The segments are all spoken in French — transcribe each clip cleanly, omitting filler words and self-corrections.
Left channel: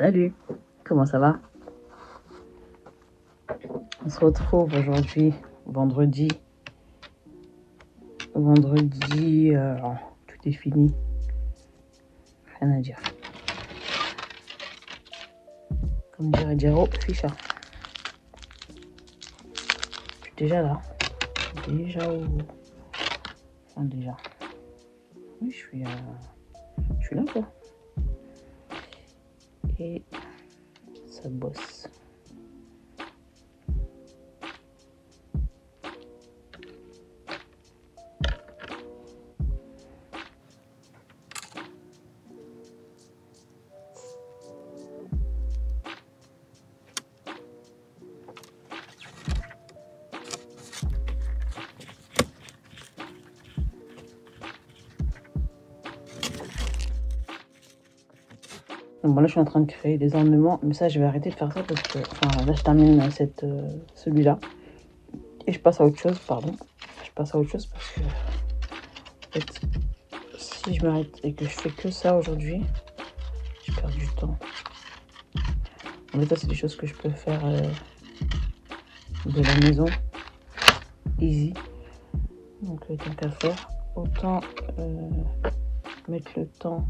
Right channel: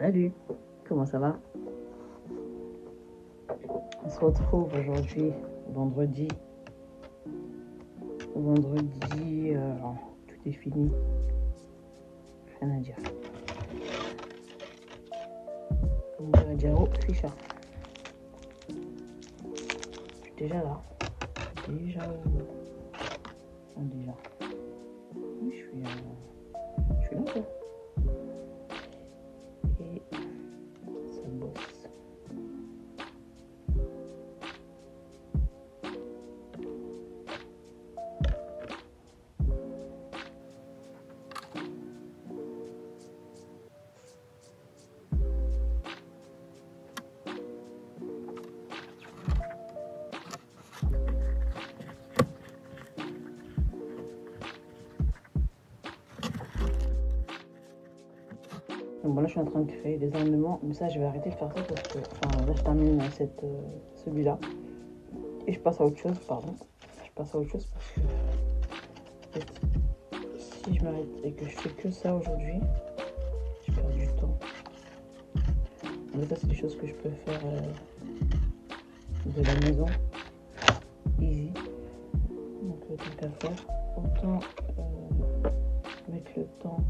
Salut, comment ça va? On se retrouve aujourd'hui, vendredi. Tout est fini. Rien à dire. Comme dirait Jero Fischer. Je suis déjà là. Déjà où? Enfin, déjà. Oui, je suis là quoi. Et ça bosse. Donc bon, là je suis en train de créer des ornements, mais ça je vais arrêter de faire ça parce que, enfin là je termine celui-là et je passe à autre chose, pardon. Je passe à autre chose parce que en fait, si je m'arrête et que je fais que ça aujourd'hui, je perds du temps. En fait ça c'est des choses que je peux faire de la maison, easy. Donc tant qu'à faire, autant mettre le temps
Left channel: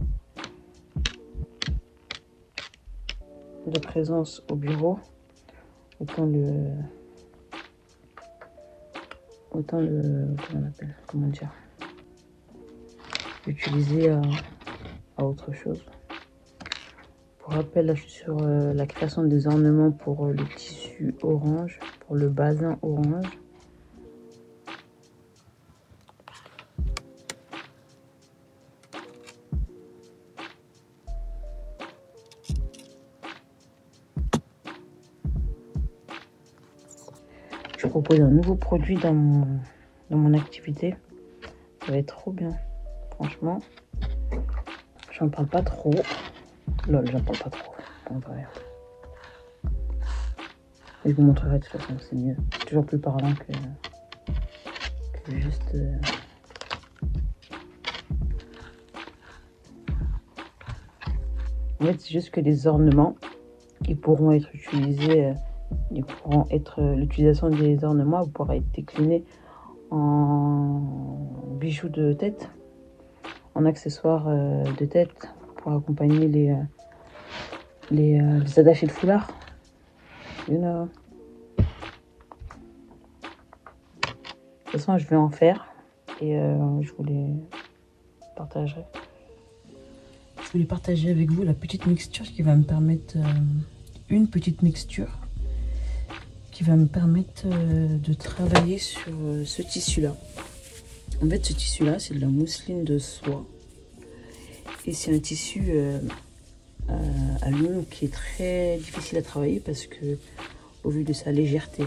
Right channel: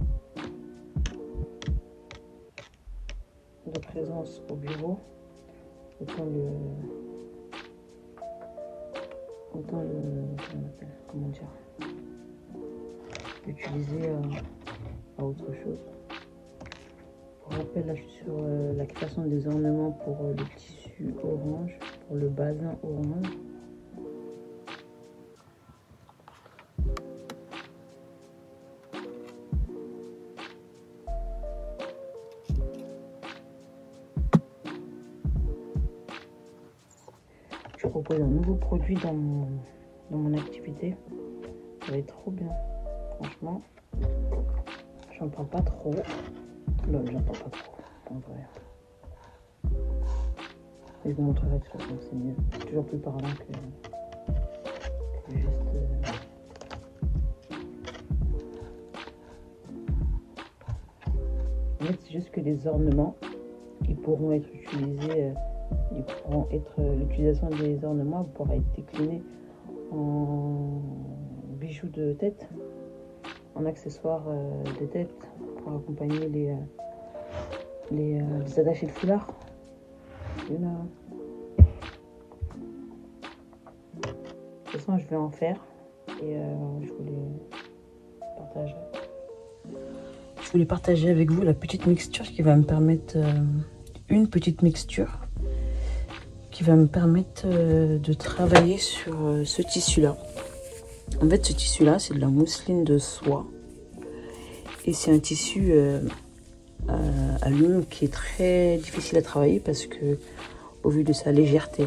de présence au bureau, autant comment dire, l'utiliser à autre chose. Pour rappel, là je suis sur la création des ornements pour le tissu orange, pour le bazin orange. Je propose un nouveau produit dans mon activité. Ça va être trop bien. Franchement, j'en parle pas trop. Lol, j'en parle pas trop. En vrai. Et je vous montrerai de toute façon, c'est mieux. C'est toujours plus parlant que juste... En fait, c'est juste que les ornements, ils pourront être utilisés... l'utilisation des ornements pourra être déclinée en bijoux de tête, en accessoires de tête pour accompagner les attachés de foulard. You know. De toute façon, je vais en faire et je vous les partagerai. Je voulais partager avec vous la petite mixture qui va me permettre une petite mixture qui va me permettre de travailler sur ce tissu-là. En fait, ce tissu-là, c'est de la mousseline de soie. Et c'est un tissu à l'eau qui est très difficile à travailler parce que, au vu de sa légèreté,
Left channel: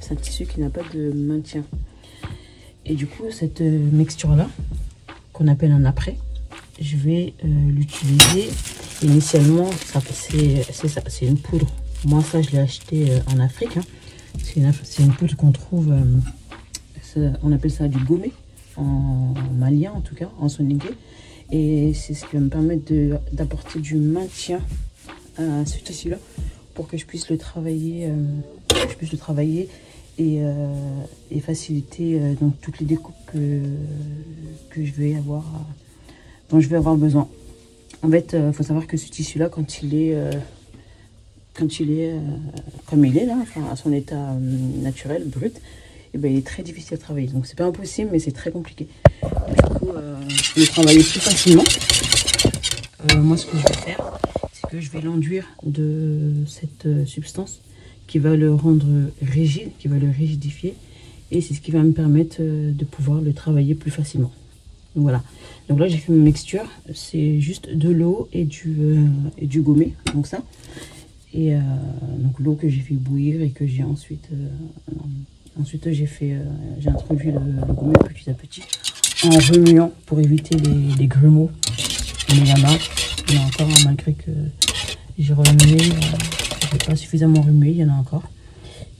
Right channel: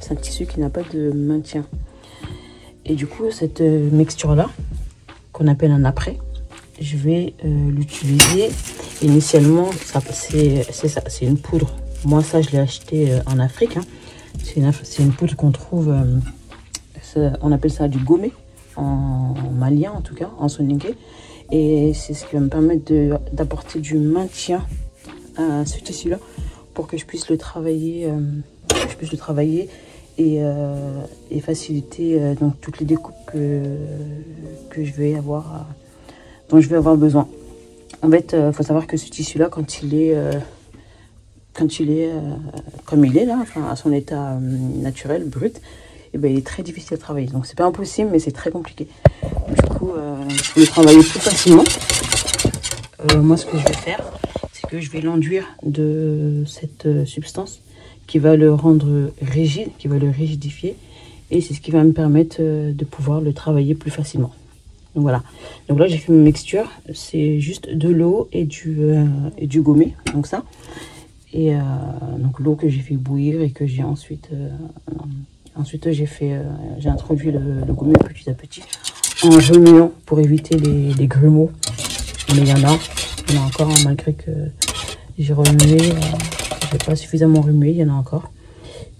c'est un tissu qui n'a pas de maintien. Et du coup, cette mixture-là, qu'on appelle un après, je vais l'utiliser. Initialement, c'est une poudre. Moi, ça, je l'ai acheté en Afrique. Hein. C'est une poudre qu'on trouve, on appelle ça du gomé, en malien en tout cas, en soninké. Et c'est ce qui va me permettre d'apporter du maintien à ce tissu-là pour que je puisse le travailler, et faciliter donc toutes les découpes que je vais avoir, dont je vais avoir besoin. En fait, il faut savoir que ce tissu-là, quand il est comme il est là, enfin, à son état naturel, brut, et ben, il est très difficile à travailler. Donc c'est pas impossible, mais c'est très compliqué. Du coup, pour le travailler plus facilement, moi ce que je vais faire, c'est que je vais l'enduire de cette substance qui va le rendre rigide, qui va le rigidifier, et c'est ce qui va me permettre de pouvoir le travailler plus facilement. Donc voilà. Donc là j'ai fait une mixture, c'est juste de l'eau et du gomé, donc ça. Et donc l'eau que j'ai fait bouillir et que j'ai ensuite j'ai introduit le gomé petit à petit en remuant pour éviter les grumeaux. Mais il y en a encore, malgré que j'ai remué, j'ai pas suffisamment remué, il y en a encore.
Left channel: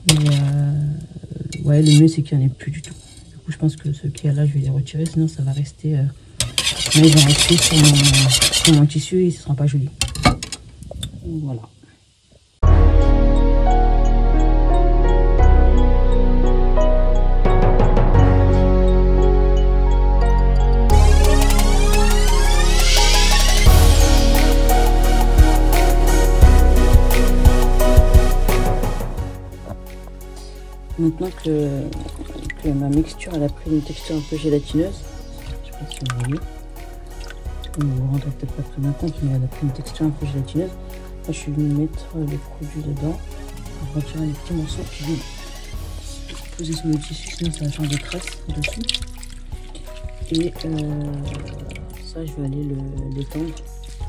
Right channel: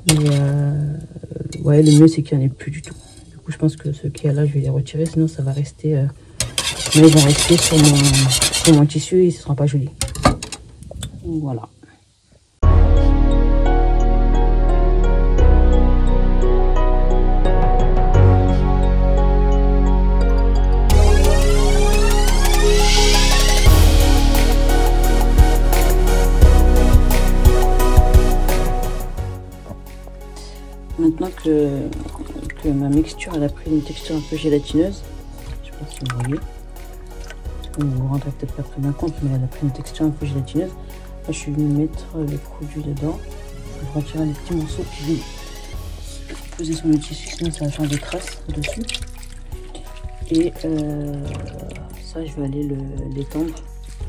Mais ouais, le mieux c'est qu'il n'y en ait plus du tout. Du coup je pense que ceux qu'il y a là je vais les retirer, sinon ça va rester, sur mon tissu et ce sera pas joli. Voilà. Maintenant que ma mixture elle a pris une texture un peu gélatineuse, je sais pas si vous voyez, vous vous rendrez peut-être pas très bien compte, mais elle a pris une texture un peu gélatineuse. Là, je suis venu mettre le produit dedans, je vais retirer les petits morceaux qui vont poser sur le tissu, sinon ça va changer de traces dessus. Et ça, je vais aller l'étendre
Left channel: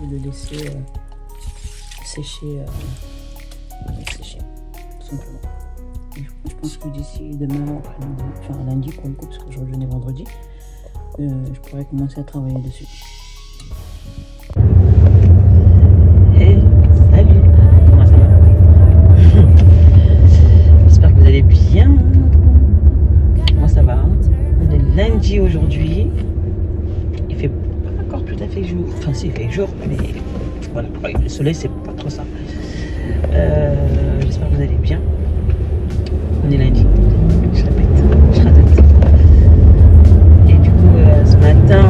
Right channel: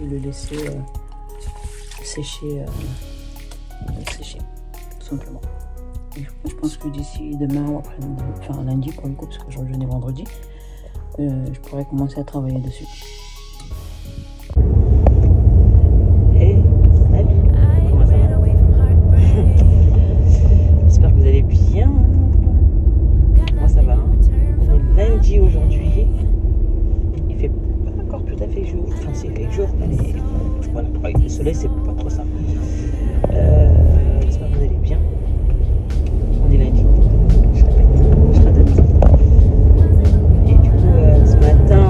et le laisser sécher, tout simplement. Je pense que d'ici demain, enfin lundi pour le coup, parce que je reviens vendredi, je pourrais commencer à travailler dessus. Hey, salut! J'espère que vous allez bien. Moi ça va. On est lundi aujourd'hui. Il fait pas encore tout à fait jour. Enfin, s'il fait jour, mais voilà, le soleil c'est pas trop ça. J'espère que vous allez bien. On est lundi, je répète. Et du coup, ce matin,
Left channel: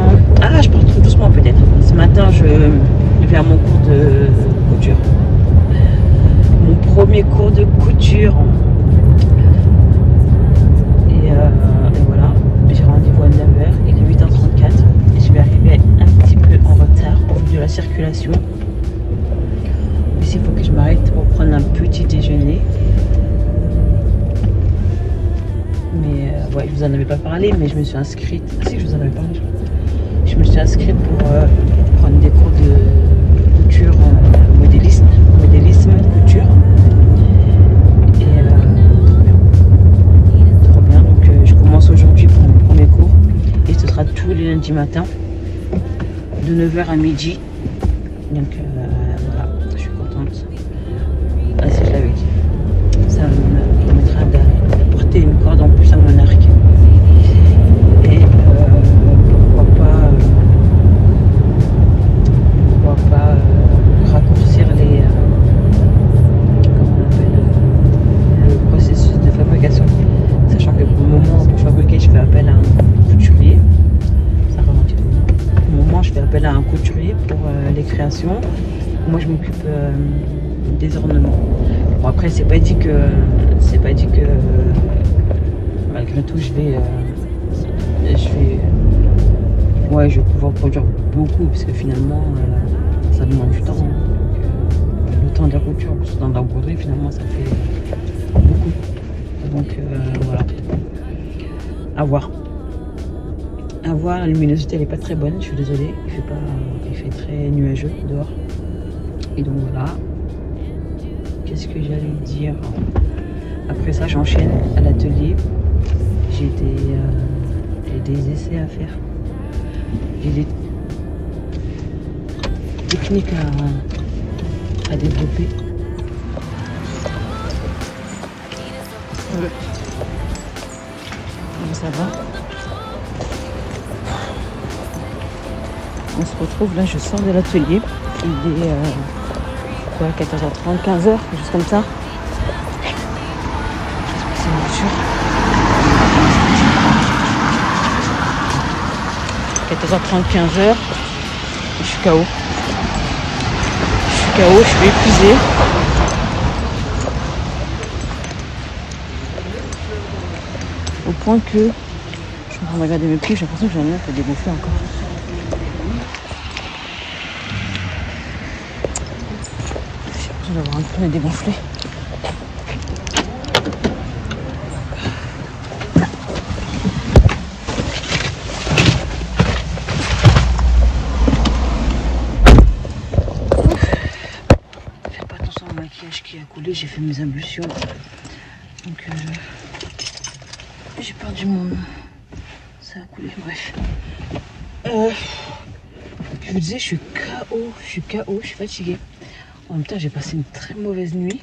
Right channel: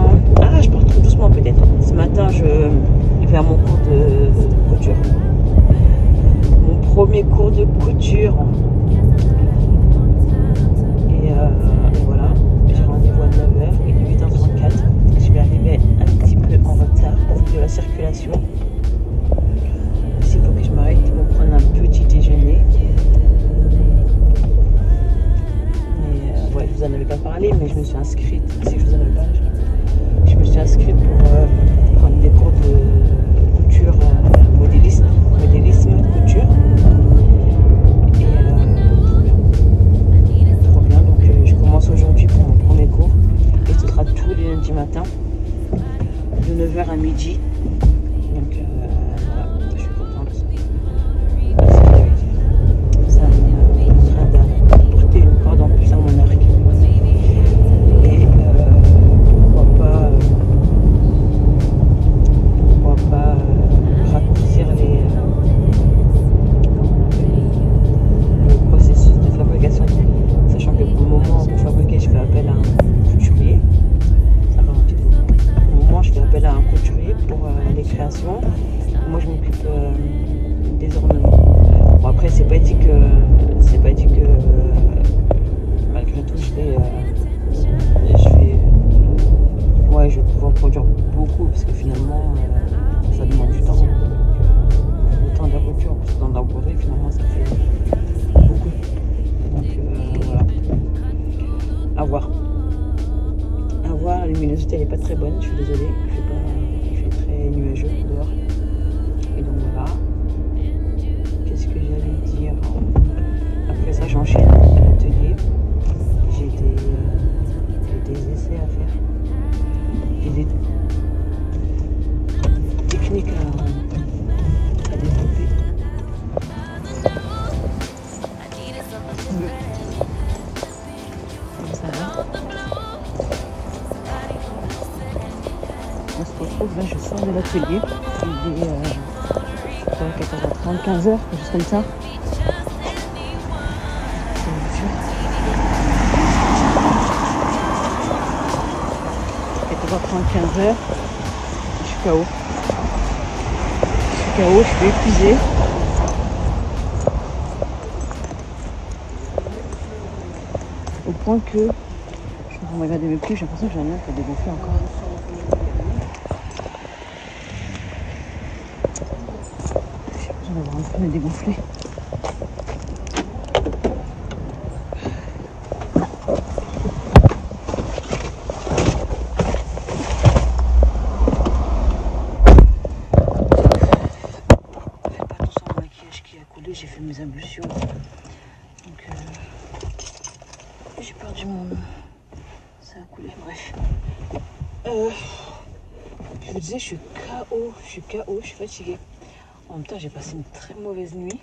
je parle tout doucement peut-être. Ce matin, je vais à mon cours de couture. Mon premier cours de couture. Et voilà, j'ai rendez-vous à 9h, il est 8h34. Et je vais arriver un petit peu en retard au vu de la circulation. Ici, il faut que je m'arrête pour prendre un petit déjeuner. Ouais, je vous en avais pas parlé, mais je me suis inscrite. Ah si, je vous en avais parlé, je crois. Je me suis inscrite pour prendre des cours de couture modélisme couture. Et trop bien, donc je commence aujourd'hui pour mon premier cours. Et ce sera tous les lundis matin, de 9h à midi. Donc voilà, je suis contente. Ah, si je l'avais dit. Ça me permettra d'apporter une corde en plus à mon arc. Et pourquoi pas raccourcir les processus de fabrication. Sachant que pour le moment pour fabriquer, je fais appel à un couturier. Ça ralentit. Pour le moment, je fais appel à un couturier pour les créations. Moi, je m'occupe des ornements. Bon, après, c'est pas dit que malgré tout, je vais pouvoir produire beaucoup parce que finalement, ça demande du temps. Le temps de la couture, le temps de la broderie, finalement, ça fait beaucoup. Donc voilà, à voir. À voir, la luminosité elle est pas très bonne, je suis désolée. Il fait très nuageux dehors. Et donc voilà. Qu'est-ce que j'allais dire? Après ça, j'enchaîne à l'atelier. J'ai des essais à faire. J'ai des techniques à développer. Ça va. On se retrouve là, je sors de l'atelier. Il est 14h30, 15h, juste comme ça. 14h30, 15h, je suis KO. Je suis épuisée. Au point que je suis en train de regarder mes pieds, j'ai l'impression que j'en ai un qui a dégonflé encore. J'ai l'impression d'avoir un peu dégonflé. Qui a coulé, j'ai fait mes ablutions, donc j'ai perdu mon... ça a coulé, bref. Je vous disais, je suis KO, je suis fatiguée. En même temps, j'ai passé une très mauvaise nuit.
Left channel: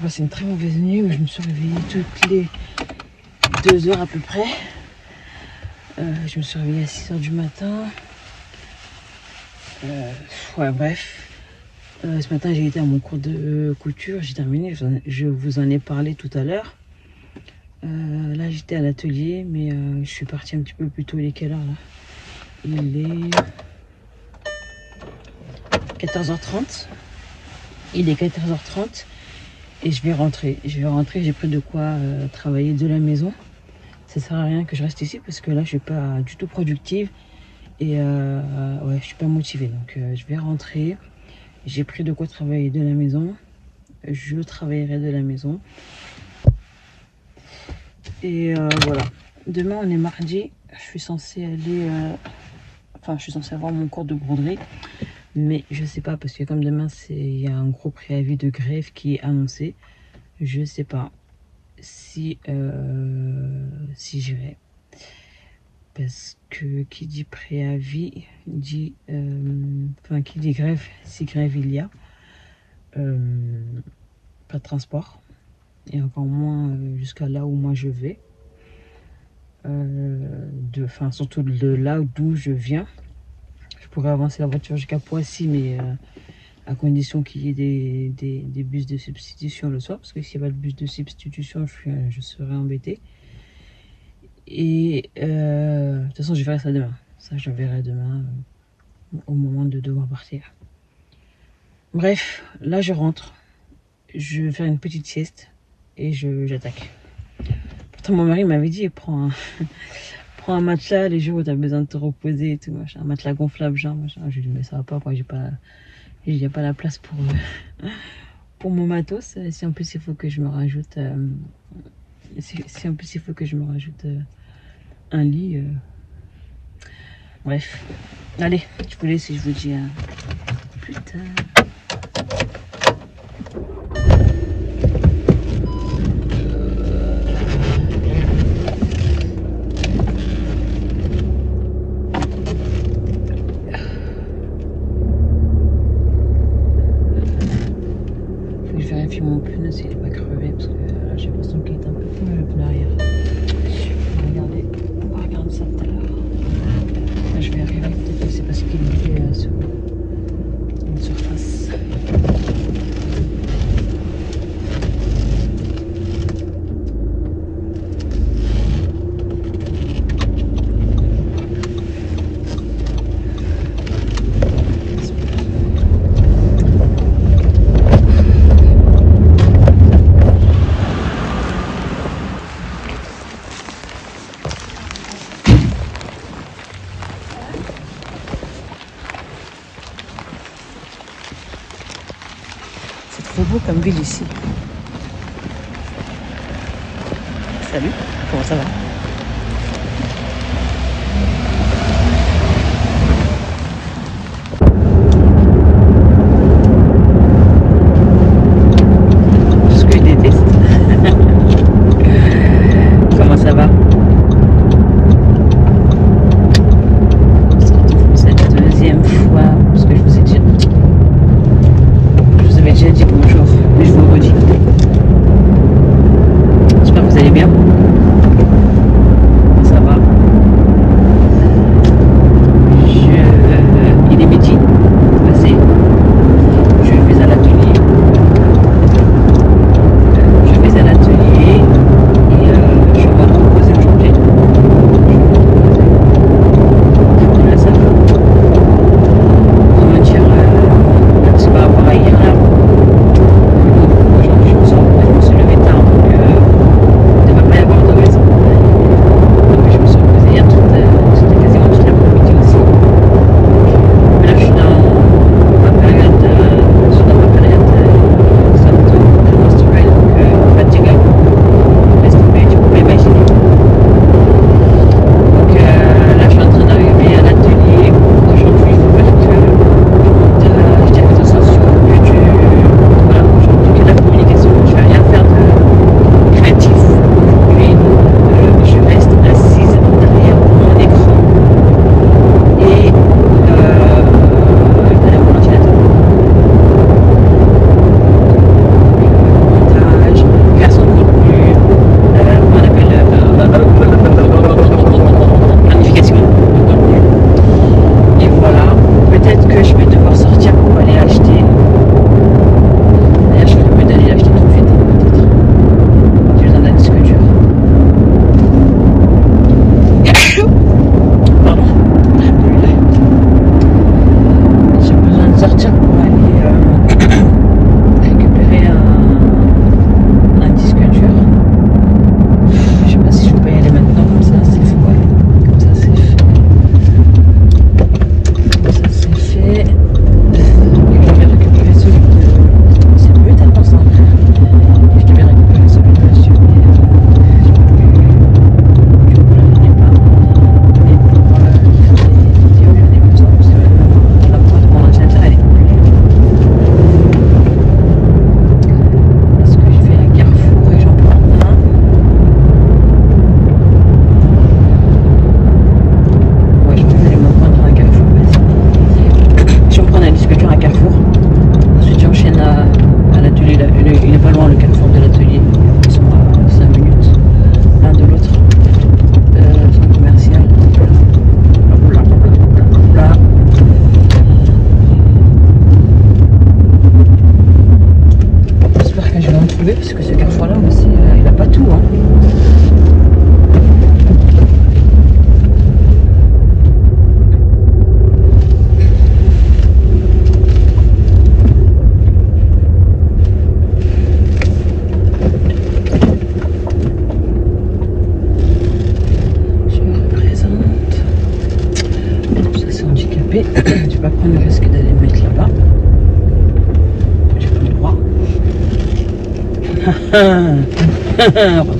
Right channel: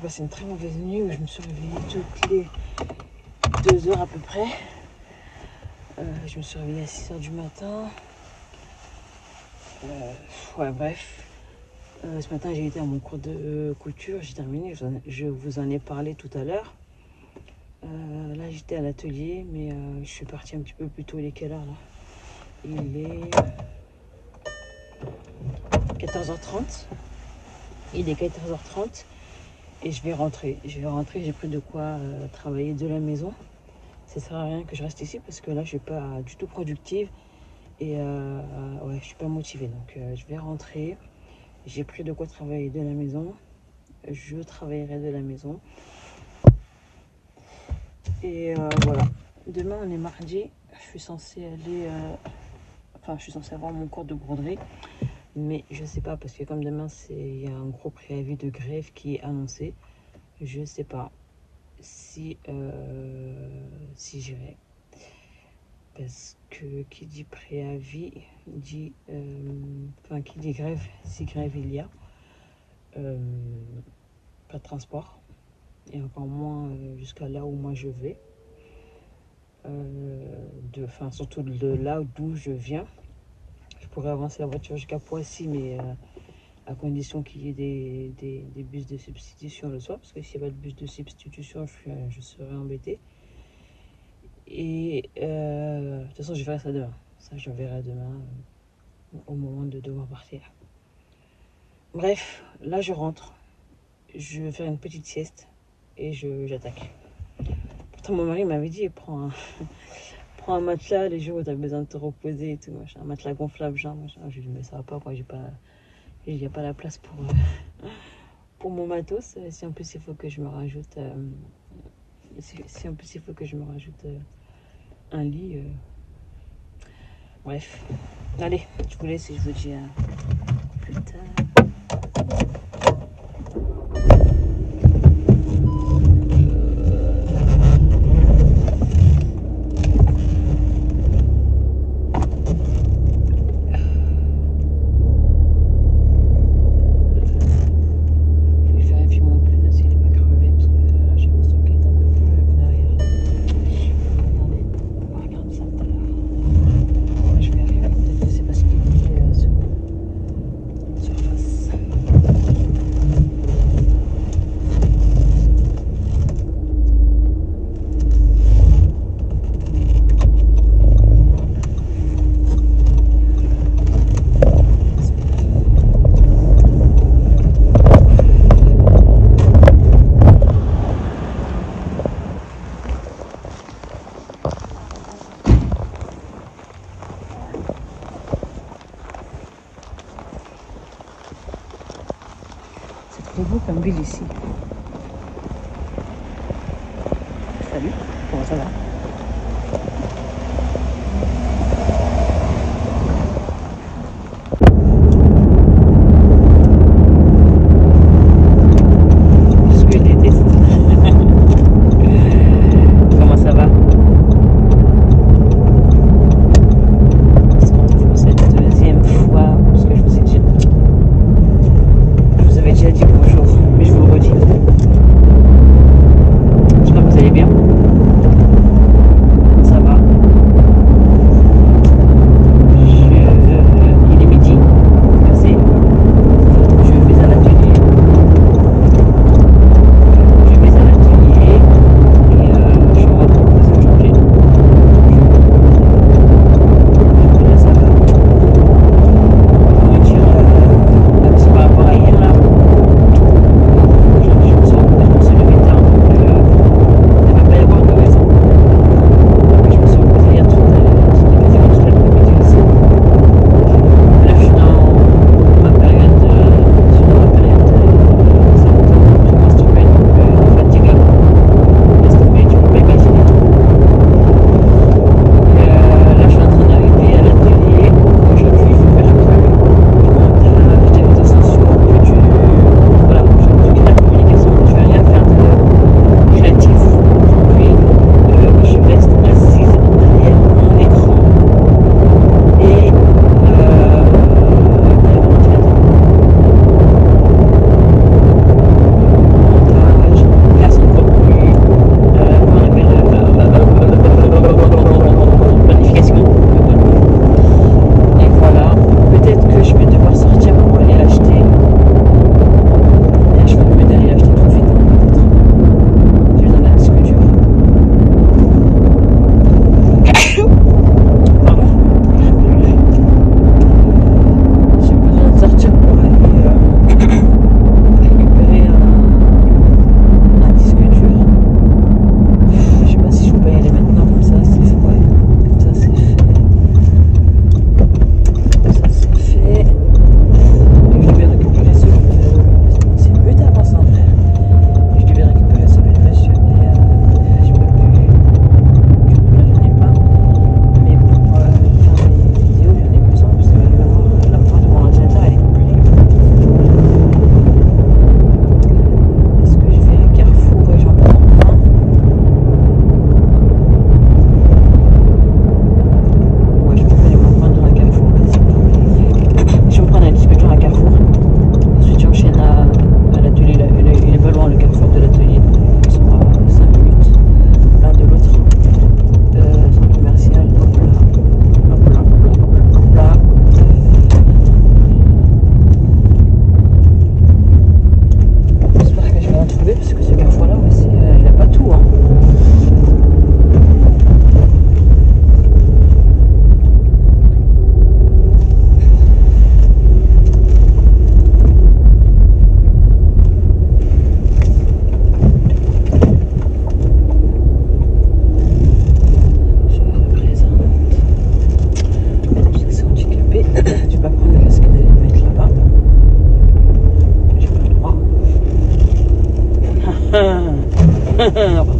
Où je me suis réveillée toutes les 2 heures à peu près. Je me suis réveillée à 6 heures du matin. Ouais, bref. Ce matin, j'ai été à mon cours de couture, j'ai terminé, je vous en ai parlé tout à l'heure. Là, j'étais à l'atelier, mais je suis partie un petit peu plus tôt. Il est quelle heure là? Il est 14h30. Il est 14h30 et je vais rentrer. J'ai pris de quoi travailler de la maison. Ça sert à rien que je reste ici parce que là, je suis pas du tout productive et ouais, je suis pas motivée. Donc, je vais rentrer. J'ai pris de quoi travailler de la maison. Je travaillerai de la maison. Et voilà. Demain, on est mardi. Je suis censée aller... Enfin, je suis censée avoir mon cours de broderie. Mais je sais pas, parce que comme demain, il y a un gros préavis de grève qui est annoncé. Je sais pas si j'irai. Parce que qui dit préavis dit... Enfin, qui dit grève, si grève il y a. Pas de transport. Et encore moins jusqu'à là où moi je vais. Enfin, surtout de là d'où je viens. Je pourrais avancer la voiture jusqu'à Poissy, mais à condition qu'il y ait des bus de substitution le soir. Parce que s'il n'y a pas de bus de substitution, je serai embêtée. Et de toute façon, je verrai ça demain. Ça, je verrai demain au moment de devoir partir. Bref, là, je rentre. Je vais faire une petite sieste et j'attaque. Pourtant, mon mari m'avait dit, prends un matelas les jours où tu as besoin de te reposer et tout. Machin. Un matelas gonflable, genre. Machin. Je lui ai dit, mais ça va pas, quoi. Il n'y a pas la place pour mon matos. Si en plus, il faut que je me rajoute... si en plus, il faut que je me rajoute un lit... Bref. Allez, je vous laisse et je vous dis à plus tard. C'est beau comme ville ici. Salut, comment ça va? Ce que je déteste. Comment ça va? C'est la deuxième fois, parce que je vous avais déjà dit bonjour, mais je vous le redis. J'espère que vous allez bien.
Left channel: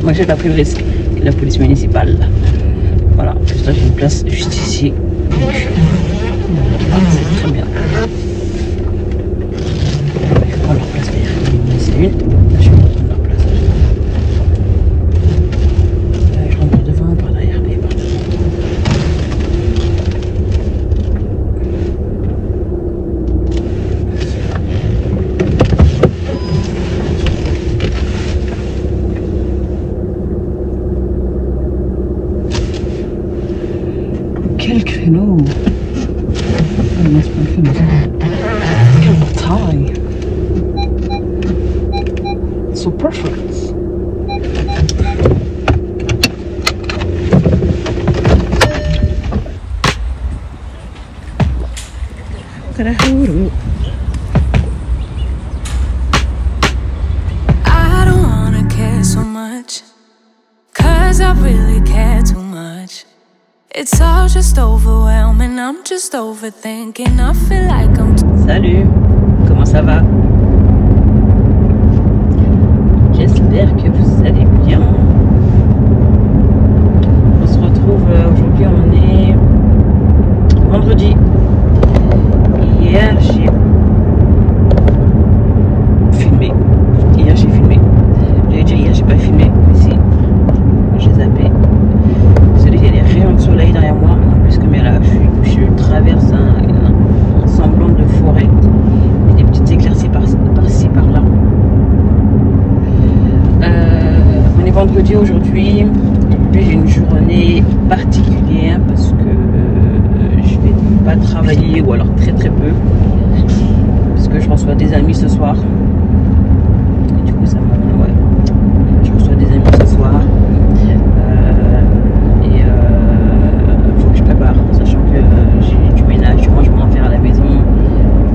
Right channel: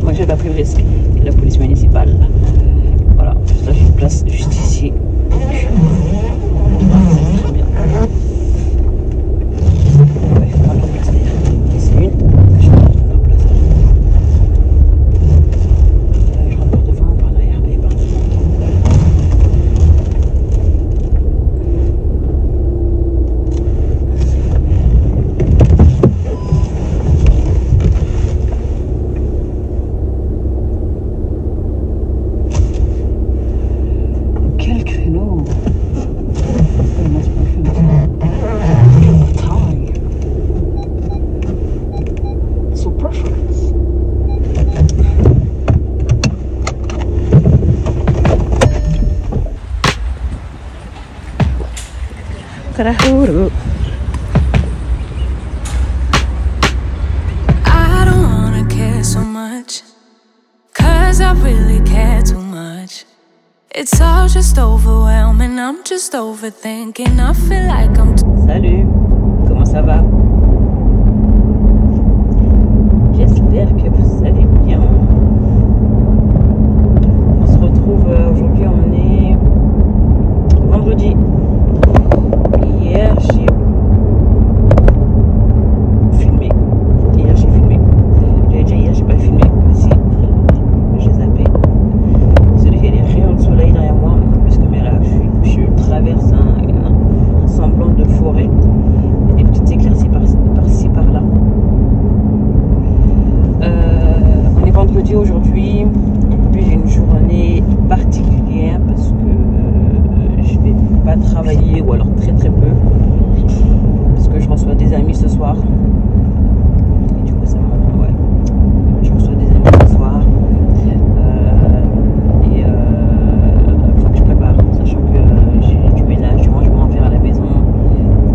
Moi j'ai pas pris le risque. C'est la police municipale. Voilà, juste là j'ai une place juste ici. Ah, c'est très bien. Je vais prendre la place d'ailleurs. C'est une. Là, je vais prendre la place. Je rentre par devant, par derrière et par devant. Quel créneau! So perfect. I don't wanna care so much, 'cause I really care too much. It's all just overwhelming, I'm just overthinking. I feel like I'm Salut, comment ça va? J'espère que vous allez bien. On se retrouve aujourd'hui, on est vendredi. Hier j'ai filmé. J'avais dit hier j'ai pas filmé, mais si, j'ai zappé. Désolé, il y a des rayons de soleil derrière moi, puisque mais là je traverse un semblant de forêt. Il y a des petites éclaircies par-ci par-là. On est vendredi aujourd'hui. Aujourd'hui j'ai une journée particulière parce que je vais pas travailler, ou alors très très peu, parce que je reçois des amis ce soir. Et du coup ça me... Ouais, je reçois des amis ce soir. Faut que je prépare, sachant que j'ai du ménage, du rangement à faire à la maison,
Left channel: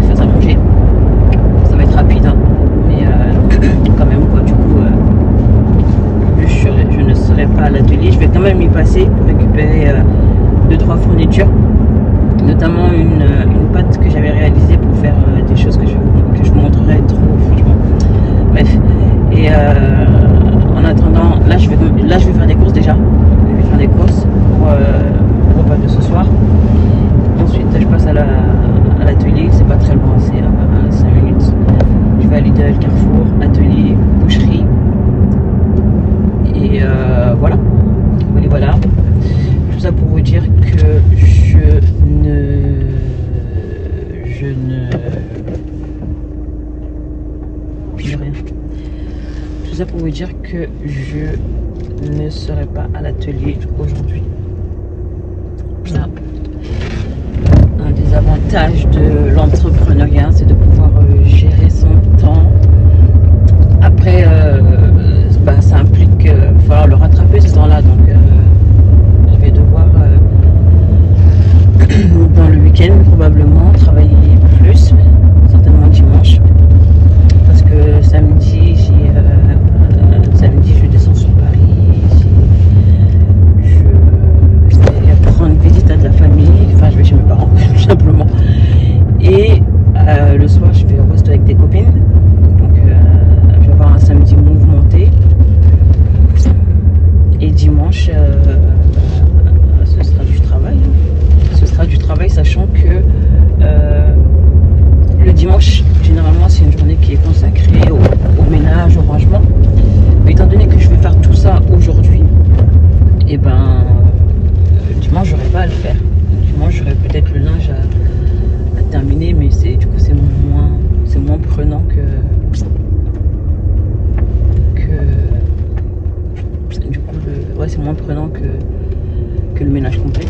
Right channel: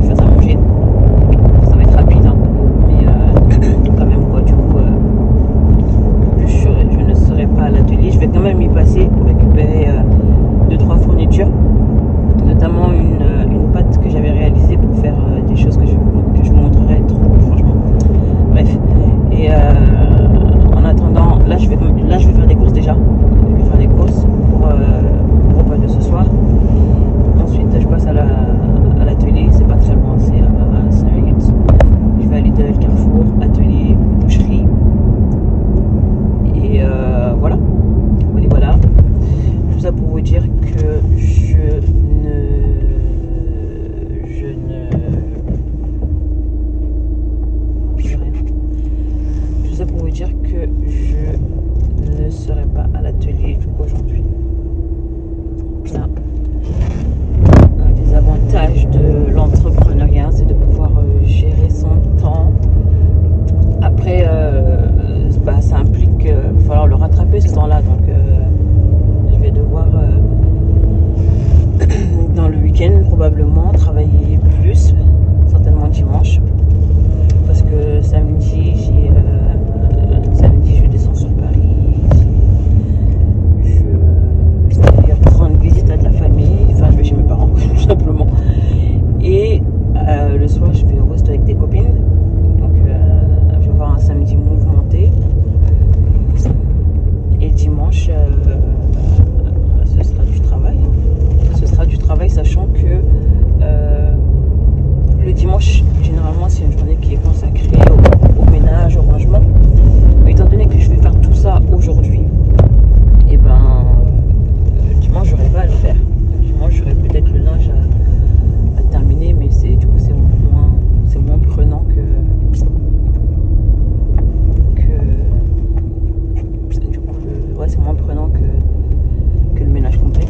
je vais faire à manger. Ça va être rapide, hein. Mais quand même quoi, du coup je ne serai pas à l'atelier. Je vais quand même y passer pour récupérer 2-3 fournitures, notamment une pâte que j'avais réalisée pour faire des choses que je vous montrerai trop, franchement. Bref, et en attendant, là je vais faire des courses déjà. Je vais faire des courses pour le repas de ce soir. Ensuite je passe à l'atelier, c'est pas très loin, c'est à 5 minutes. Je vais aller de Carrefour, atelier, boucherie. Et voilà. Voilà. Tout ça pour vous dire que je rien. Tout ça pour vous dire que je ne serai pas à l'atelier aujourd'hui. Là, un des avantages de l'entrepreneuriat, c'est de pouvoir gérer son temps. Après, ça implique qu'il va falloir le rattraper ce temps-là, donc je vais devoir dans le week-end probablement travailler plus, certainement dimanche, parce que samedi je descends sur Paris, je vais prendre visite à de la famille, enfin je vais chez mes parents tout simplement, et le soir je vais au resto avec des copines, donc je vais avoir un samedi mouvementé. Et dimanche, ce sera du travail. Ce sera du travail, sachant que le dimanche, généralement, c'est une journée qui est consacrée au ménage, au rangement. Mais étant donné que je vais faire tout ça aujourd'hui, et ben, dimanche, j'aurai pas à le faire. Dimanche, j'aurai peut-être le linge à terminer, mais du coup, c'est moins prenant que c'est moins prenant que le ménage complet.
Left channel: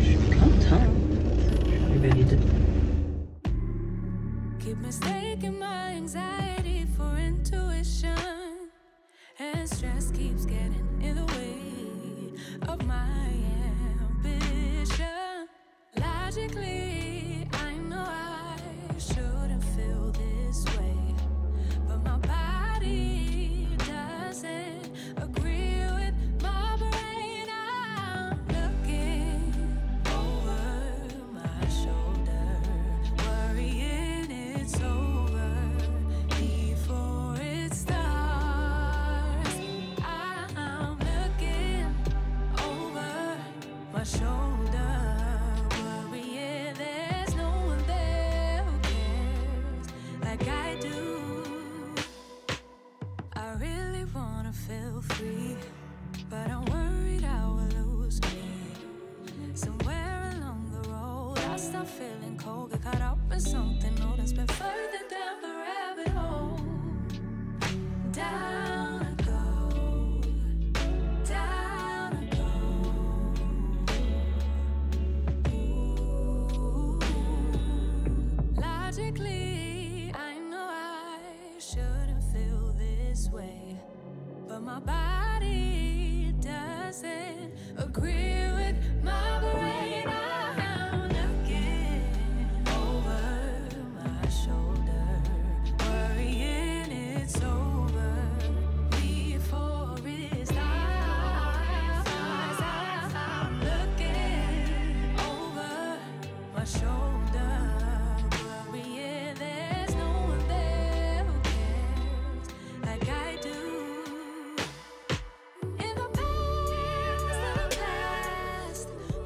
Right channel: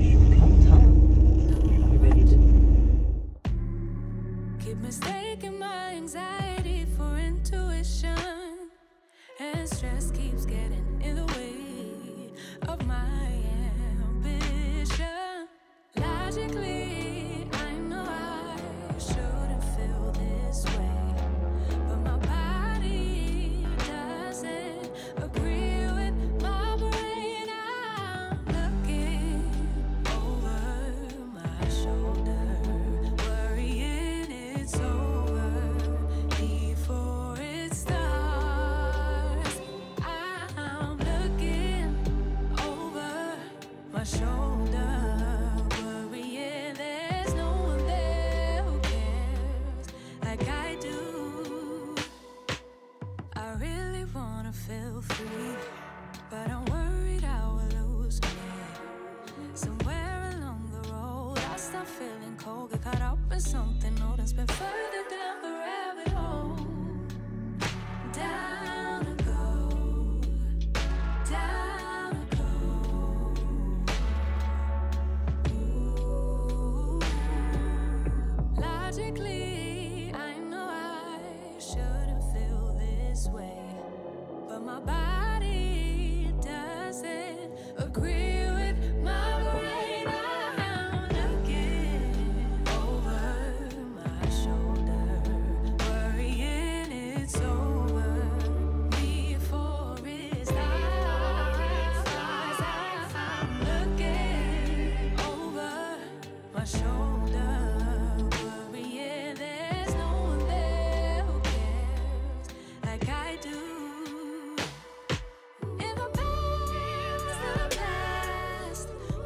Je suis contente, hein. Je vais vite. keep mistaking my anxiety for intuition, and stress keeps getting in the way of my ambition. Logically, I know I shouldn't feel this way, but my body doesn't agree with my brain. I'm looking over my shoulder, worrying it's over. lost, I'm feeling cold. Get caught up in something old and spin further down the rabbit hole. Down to go, down to go. Ooh. Logically, I know I shouldn't feel this way, but my body doesn't agree with my brain. I'm looking over my shoulder, worrying it's over before it starts. I'm looking over my shoulder, worrying there's no one there who cares like I do. In the past,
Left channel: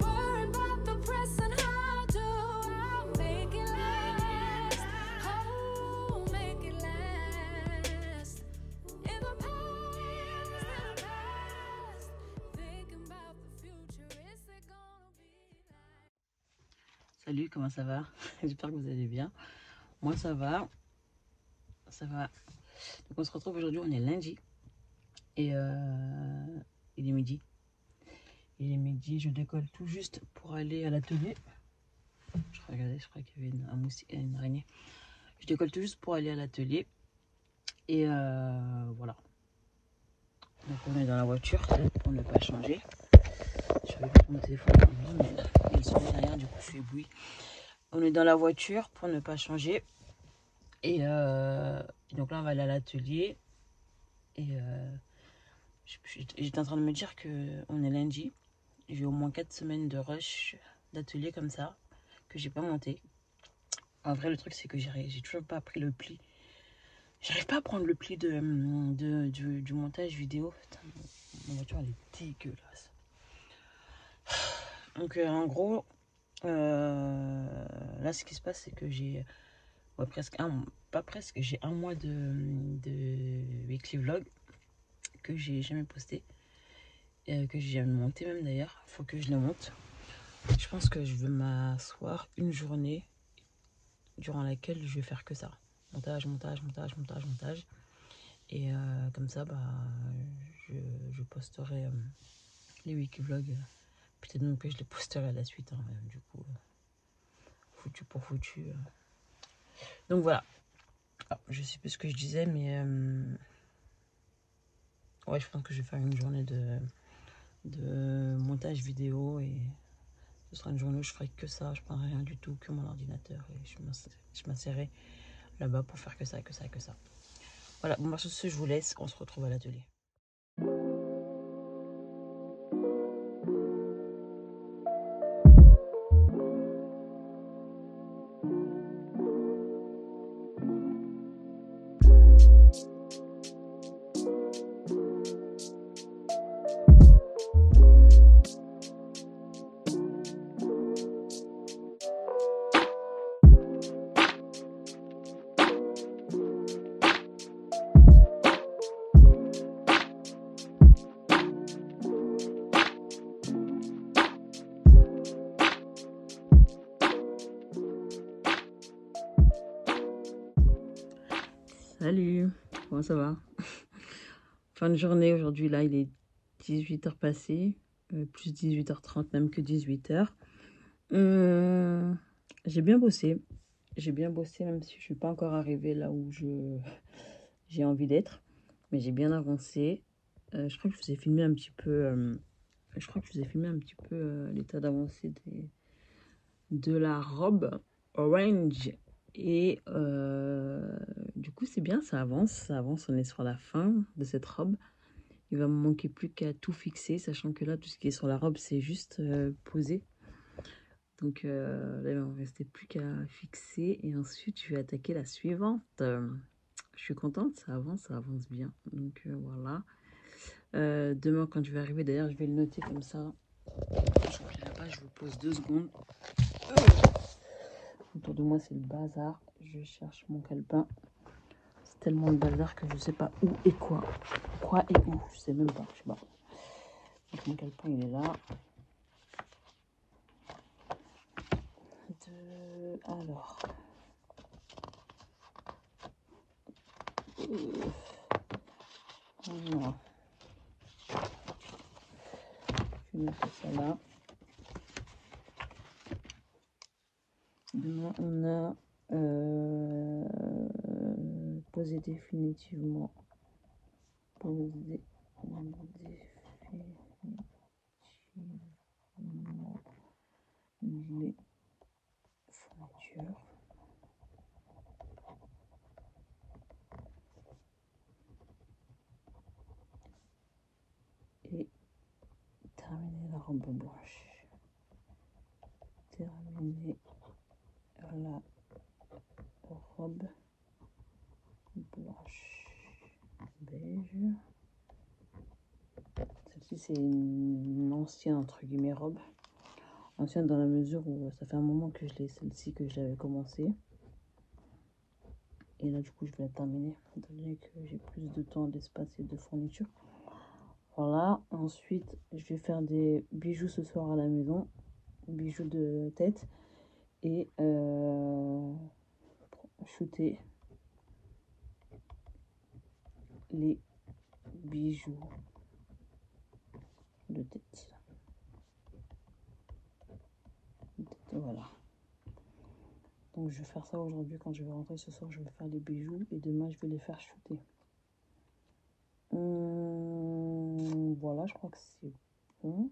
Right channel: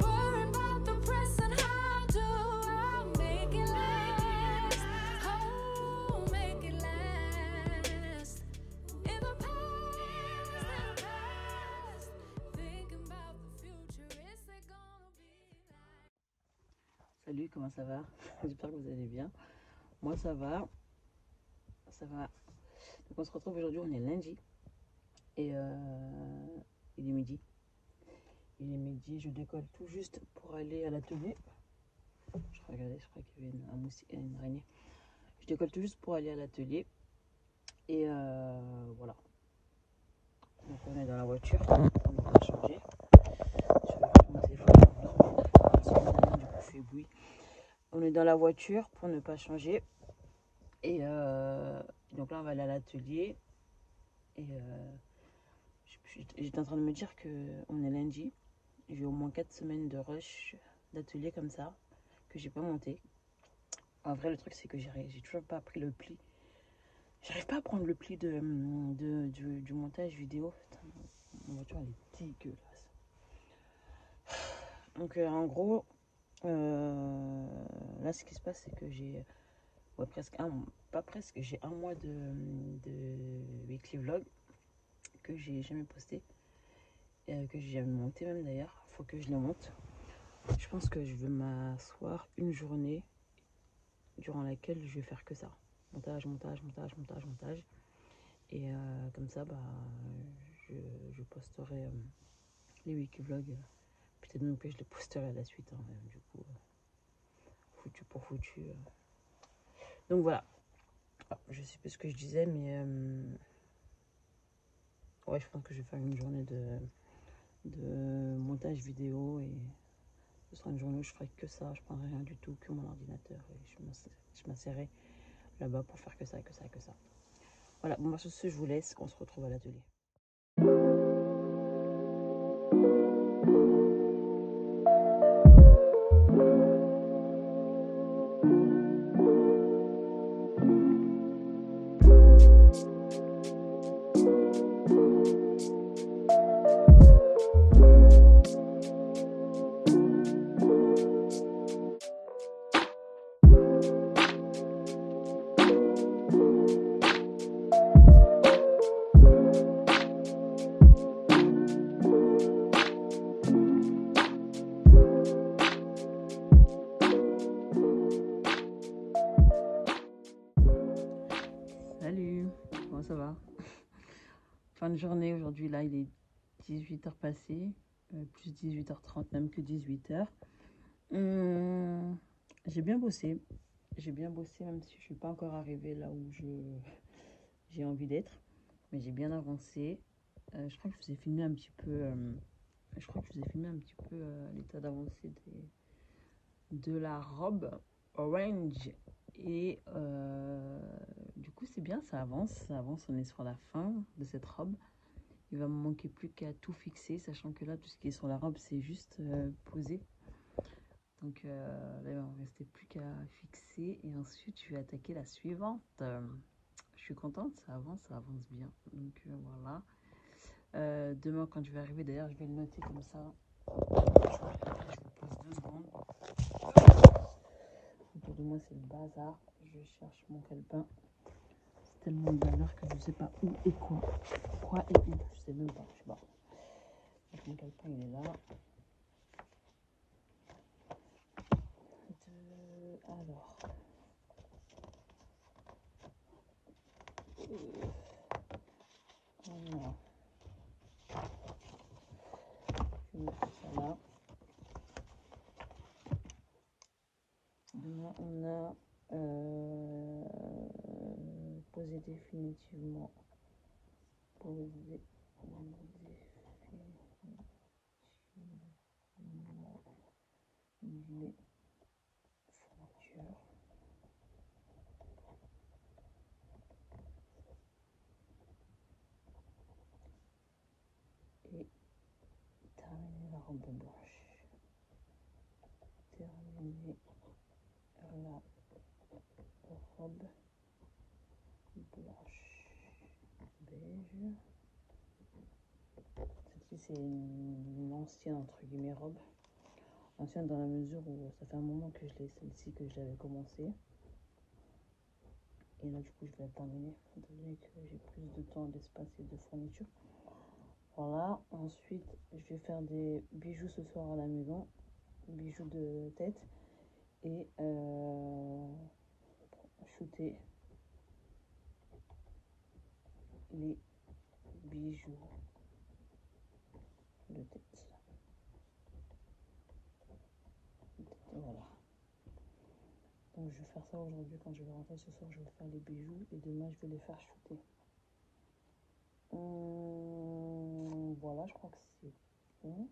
worry about the present. How do I make it last? Oh, make it last. In the past, thinking about the future. Is it gonna be like? Salut, comment ça va? J'espère que vous allez bien. Moi ça va. Ça va. Donc on se retrouve aujourd'hui, on est lundi. Et il est midi. Il est midi, je décolle tout juste pour aller à l'atelier. Je crois qu'il y avait un moustique, une araignée. Je décolle tout juste pour aller à l'atelier. Et voilà. Donc on est dans la voiture pour ne pas changer. Je vais mettre mon téléphone en vie, mais il suffit rien, du coup je suis éblouie. On est dans la voiture pour ne pas changer. Et donc là on va aller à l'atelier. Et j'étais en train de me dire qu'on est lundi. J'ai au moins 4 semaines de rush d'atelier comme ça, que j'ai pas monté. En vrai, le truc, c'est que j'ai toujours pas pris le pli. J'arrive pas à prendre le pli du montage vidéo. Putain, ma voiture, elle est dégueulasse. Donc, en gros, là, ce qui se passe, c'est que j'ai j'ai un mois de weekly vlog que j'ai jamais posté. Que j'ai jamais monté même d'ailleurs. Faut que je le monte. Je pense que je vais m'asseoir une journée durant laquelle je vais faire que ça. Montage. Et comme ça, bah, je posterai les wiki vlogs. Peut-être même que je les posterai à la suite. Hein, du coup, foutu pour foutu. Donc voilà. Ah, je sais plus ce que je disais, mais ouais, je pense que je vais faire une journée de montage vidéo et ce sera une journée où je ferai que ça, je prendrai rien du tout, que mon ordinateur et je m'insérerai là-bas pour faire que ça. Voilà, bon, sur ce, je vous laisse, on se retrouve à l'atelier. Salut, comment ça va? Fin de journée aujourd'hui, là il est 18h passé, plus 18h30 même que 18h. J'ai bien bossé même si je suis pas encore arrivée là où j'ai envie d'être, mais j'ai bien avancé. Je crois que je vous ai filmé un petit peu, l'état d'avancée de la robe orange. Et du coup c'est bien, ça avance, on est sur la fin de cette robe. Il va me manquer plus qu'à tout fixer, sachant que là tout ce qui est sur la robe c'est juste posé. Donc là il va me rester plus qu'à fixer et ensuite je vais attaquer la suivante. Je suis contente, ça avance bien. Donc voilà. Demain quand je vais arriver, d'ailleurs je vais le noter comme ça. Je vous pose 2 secondes. Autour de moi c'est le bazar, je cherche mon calepin. C'est tellement de bazar que je sais pas où et quoi et où, je sais même pas, je sais pas. Donc mon calepin il est là. Alors. Voilà. Je vais mettre ça là. Demain, on a posé définitivement. Posé définitivement les fournitures. Et terminer la robe blanche. Terminer la robe blanche beige. Celle-ci c'est une ancienne entre guillemets robe. Ancienne dans la mesure où ça fait un moment que je l'ai, celle-ci que je l'avais commencé. Et là du coup je vais la terminer, étant donné que j'ai plus de temps, d'espace et de fourniture. Voilà, ensuite je vais faire des bijoux ce soir à la maison, bijoux de tête et shooter les bijoux de tête. Voilà. Donc je vais faire ça aujourd'hui quand je vais rentrer ce soir, je vais faire les bijoux et demain je vais les faire shooter. Voilà, je crois que c'est bon.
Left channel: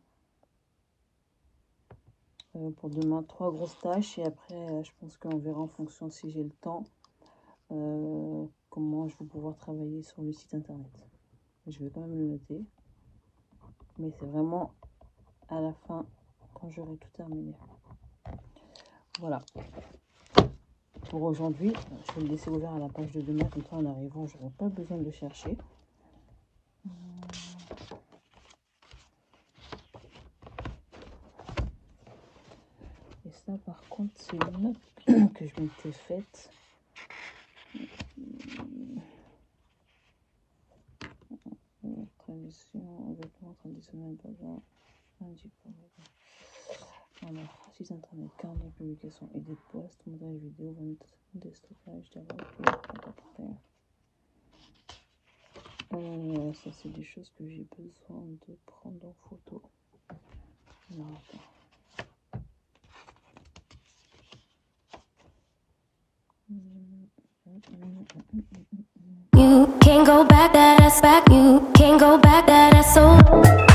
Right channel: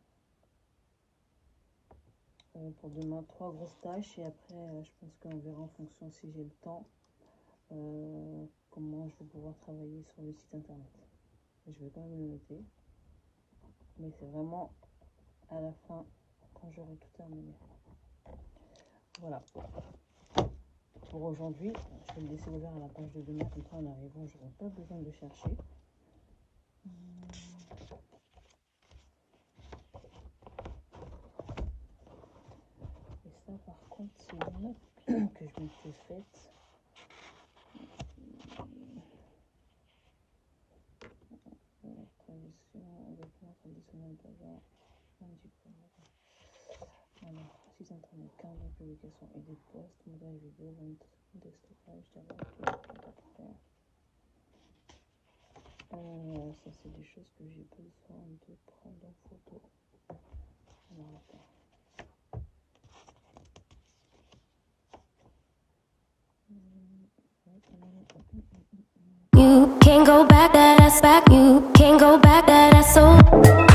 Pour demain, 3 grosses tâches et après je pense qu'on verra en fonction si j'ai le temps comment je vais pouvoir travailler sur le site internet. Je vais quand même le noter, mais c'est vraiment à la fin quand j'aurai tout terminé. Voilà pour aujourd'hui. Je vais le laisser ouvert à la page de demain, comme ça en arrivant je n'aurai pas besoin de le chercher. Et ça par contre c'est une note que je m'étais faite. Tradition, vêtements traditionnels, alors, site internet, carte de publication, idée de poste, montage vidéo, vente de stockage, ça c'est des choses que j'ai besoin de prendre en photo. Alors, You can't go back, that ass back. You can't go back, that ass so.